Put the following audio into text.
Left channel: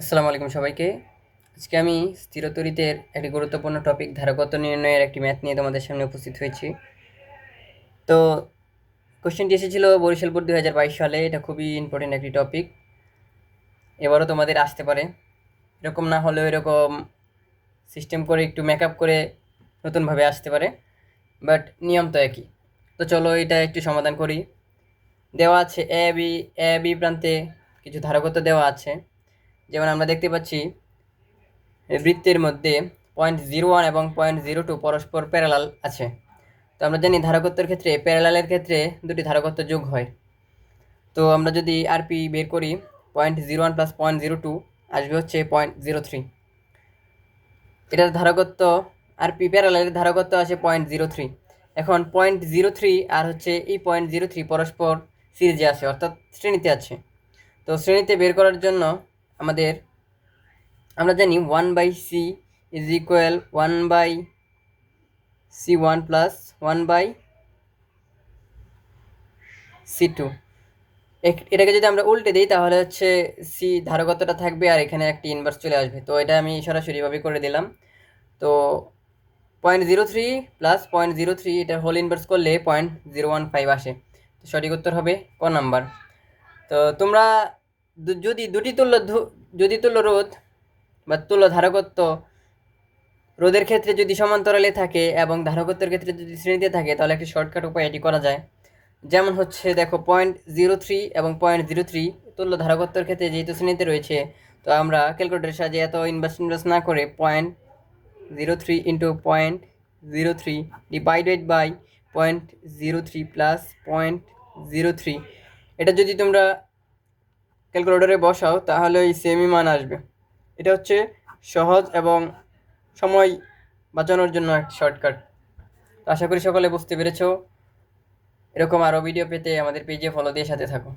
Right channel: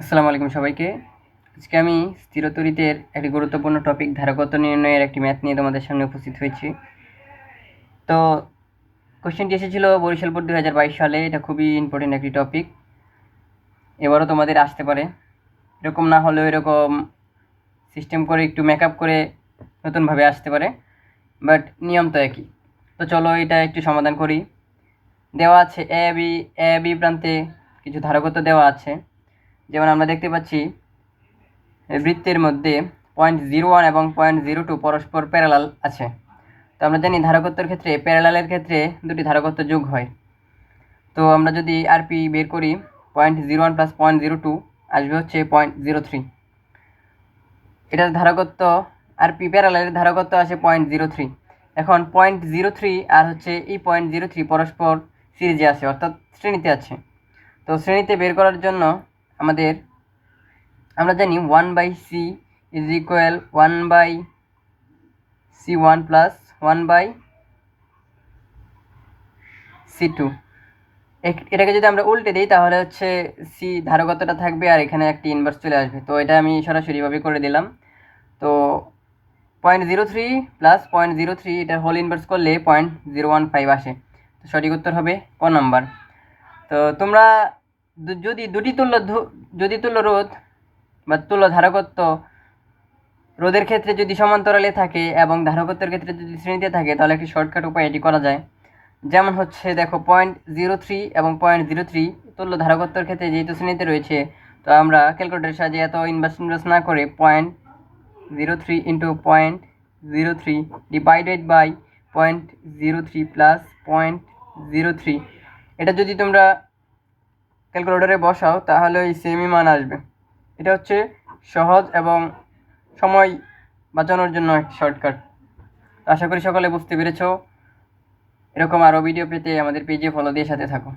আসসালামু আলাইকুম সবাইকে। আজকে আমি স্থিরতরিতের একটি গুরুত্বপূর্ণ টপিক ধারকত্ব নির্ণয়ের একটি ম্যাথ নিয়ে তোমাদের সামনে উপস্থিত হয়েছি। তো কোশ্চেনটি এসেছিল বরিশাল বোর্ড 2022 সালে। এটা খুবই ইম্পর্টেন্ট একটি টপিক, এবারও তোমাদের আসতে পারে। এরকম না হলেও এরকম সিস্টেম করে একটু মেকআপ করে নতুনভাবে আসতে পারে, বাট নিয়ম তো একই। তো চলো এটা একটু সমাধান করি। দেওয়া আছে এ বি প্রান্তে কিছু ধারকত্ব দেওয়া আছে। যেমন আমরা দেখতে পাচ্ছি বৃত্তের মধ্যে 0.01 এবং 0.02 পরস্পর প্যারালাল আছে। তো আমরা জানি ধারকত্বের ক্ষেত্রে প্যারালালের ক্ষেত্রে দুটি ধারকত্ব যোগ হয়। তো আমরা যদি আরপি বের করি 0.01 প্লাস 0.02 আসবে হচ্ছে 0.03। এটার ধারকত্ব আরপি প্যারালালের ধারকত্ব আসে 0.03। এখন 0.03 আর হচ্ছে এই 0.03 পরস্পর সিরিজে আছে, অর্থাৎ শ্রেণীতে আছে। তো শ্রেণীতে বের করার জন্য আমরা জানি 1/c is equal 1/c1 plus 1/c2। এটাকে যদি আমরা উল্টে দিই তাহলে হচ্ছে সি ধারকত্বটা থাকবে আর এখানে একটি ইনভার্স চলে আসবে। তো এটা আমি সরাসরিভাবে করে দিলাম। তো 0.03 প্লাস 0.03 এটার হোল ইনভার্স করলে 0.015 আসে। তো সঠিক উত্তর হবে ক নাম্বার। তো তোমরা যদি তুল্য রোধ বা তুল্য ধারকত্ব রোধের ক্ষেত্রে যদি সমান্তরালে থাকে এবং ধারকত্বের ক্ষেত্রে যদি শ্রেণীতে থাকে তাহলে একটি শর্টকাট উপায় এটি করা যায়। যেমন হচ্ছে দেখো 0.03 এবং 0.03 তুল্য ধারকত্বের ক্ষেত্রে যেহেতু শ্রেণীতে রয়েছে, তো আমরা ক্যালকুলেটরের সাহায্যে এত ইনভার্স না করে 0.03 ইন্টু 0.03 ডিভাইডেড বাই 0.03 প্লাস 0.03 এটা যদি তোমরা ক্যালকুলেটরে বসাও তাহলে এই সেমই মান আসবে। এটা হচ্ছে সহজ এবং সময় বাঁচানোর জন্য একটি শর্টকাট। আশা করি সকলে বুঝতে পেরেছো। এরকম আরও ভিডিও পেতে আমাদের পেজে ফলো দিয়ে সাথে থাকো।